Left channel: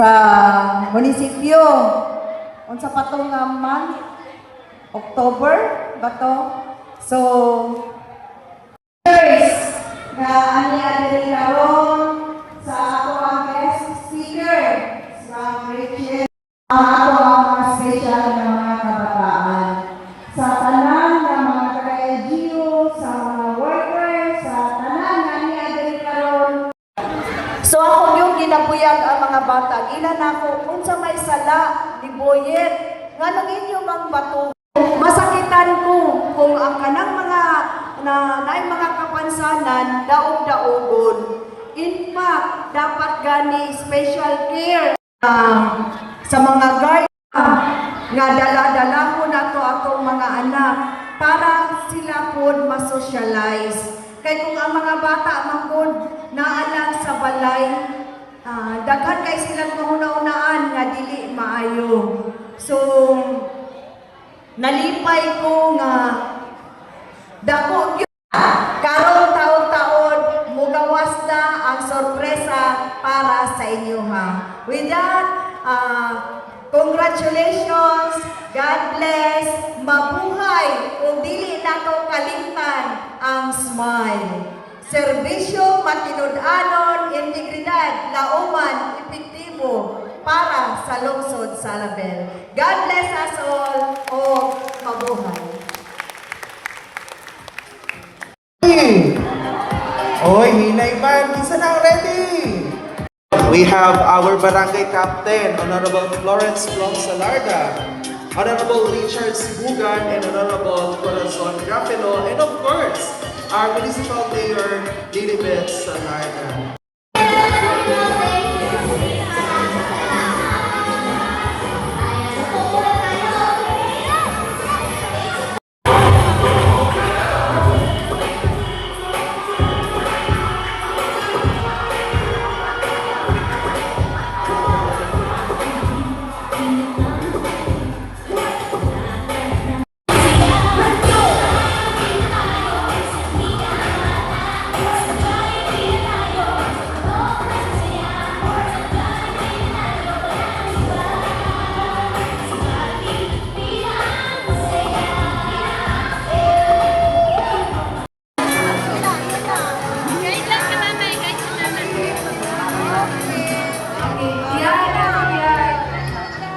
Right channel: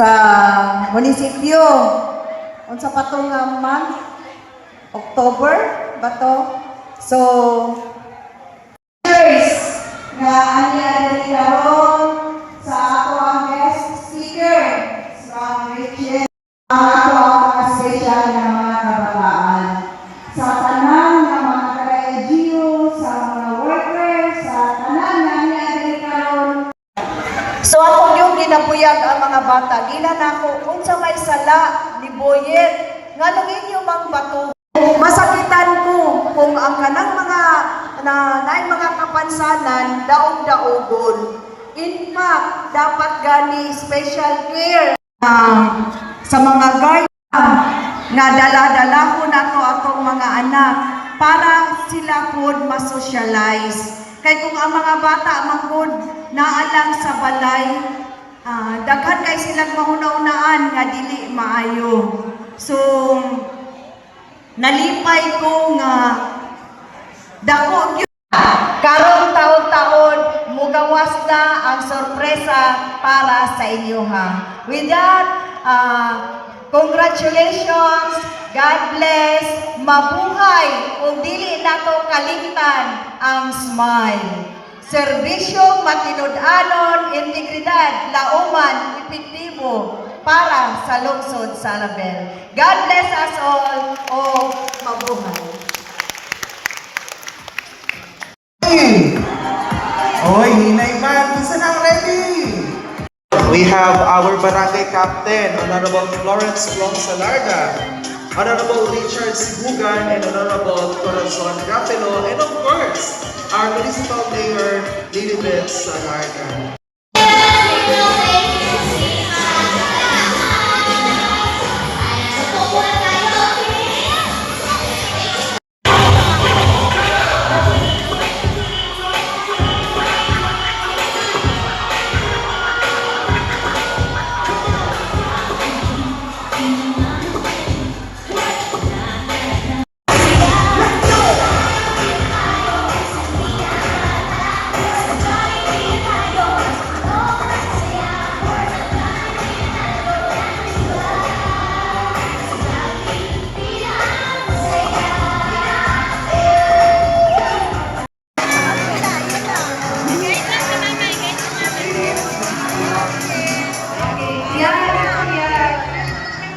sa munisipyo. Unsa pa to nga month? October ba to? So, nga ani adiri karon sa ato ang guest speaker from Richard, ang ato ang mga special na mga kabataan sa tanan ng mga taga-LGU, sa mga workers, sa tanan nga ani adiri karon. So ako yung ginabuyag ang mga bata. Gila na ako unsa may sala ni Boyet nganong inyo mang bato. Masakitan ko kung ang kanang mga naay mga kapansanan daog-daogon. In fact, dapat gani special care sa mga guard nga dala-dala ko na to atong mga anak para sila pod ma-socialize. Kay kung ang mga bata mangkod naalang sa balay, daghan kay silang mahuna-unaan nga dili maayo. So nalipay ko nga dako gyud karong taon-taon mugawas na ang sorpresa para sa inyo ha. With that, congratulations, God bless, mabuhay kung dili nato kalimtan ang smile. Serbisyo, matinud-anon, integridad, lauman, epektibo para sa lungsod sa Alabel. God bless us all o mabuhay. Oy, hinay man, isa nang ready. We have our barangay captain, Honorable Florence Plong Salarga, Honorable Richard Sibugan, and Honorable Corazon Rapelo, and of course, our Municipal Mayor, Lilibet Salarga.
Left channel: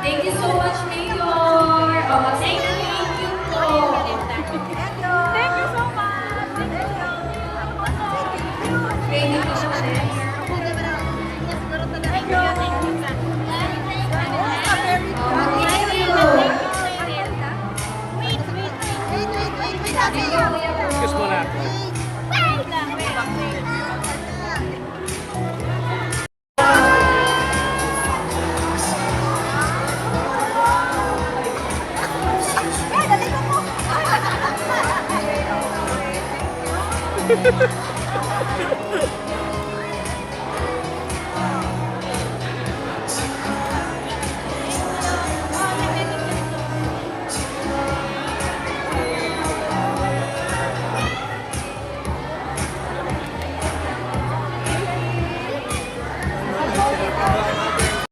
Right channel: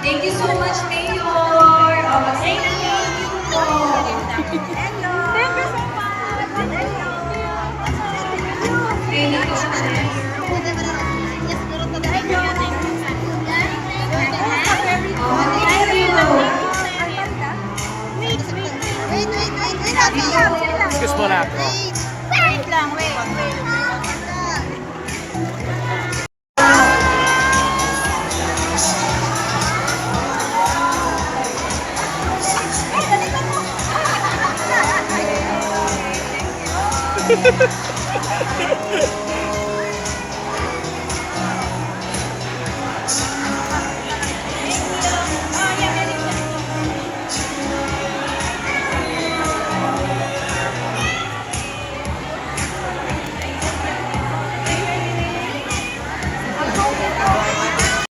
Thank you so much, Mayor. Thank you po. Thank you so much. Thank you. Excuse mo na. Wait lang, wait. Ha ha ha!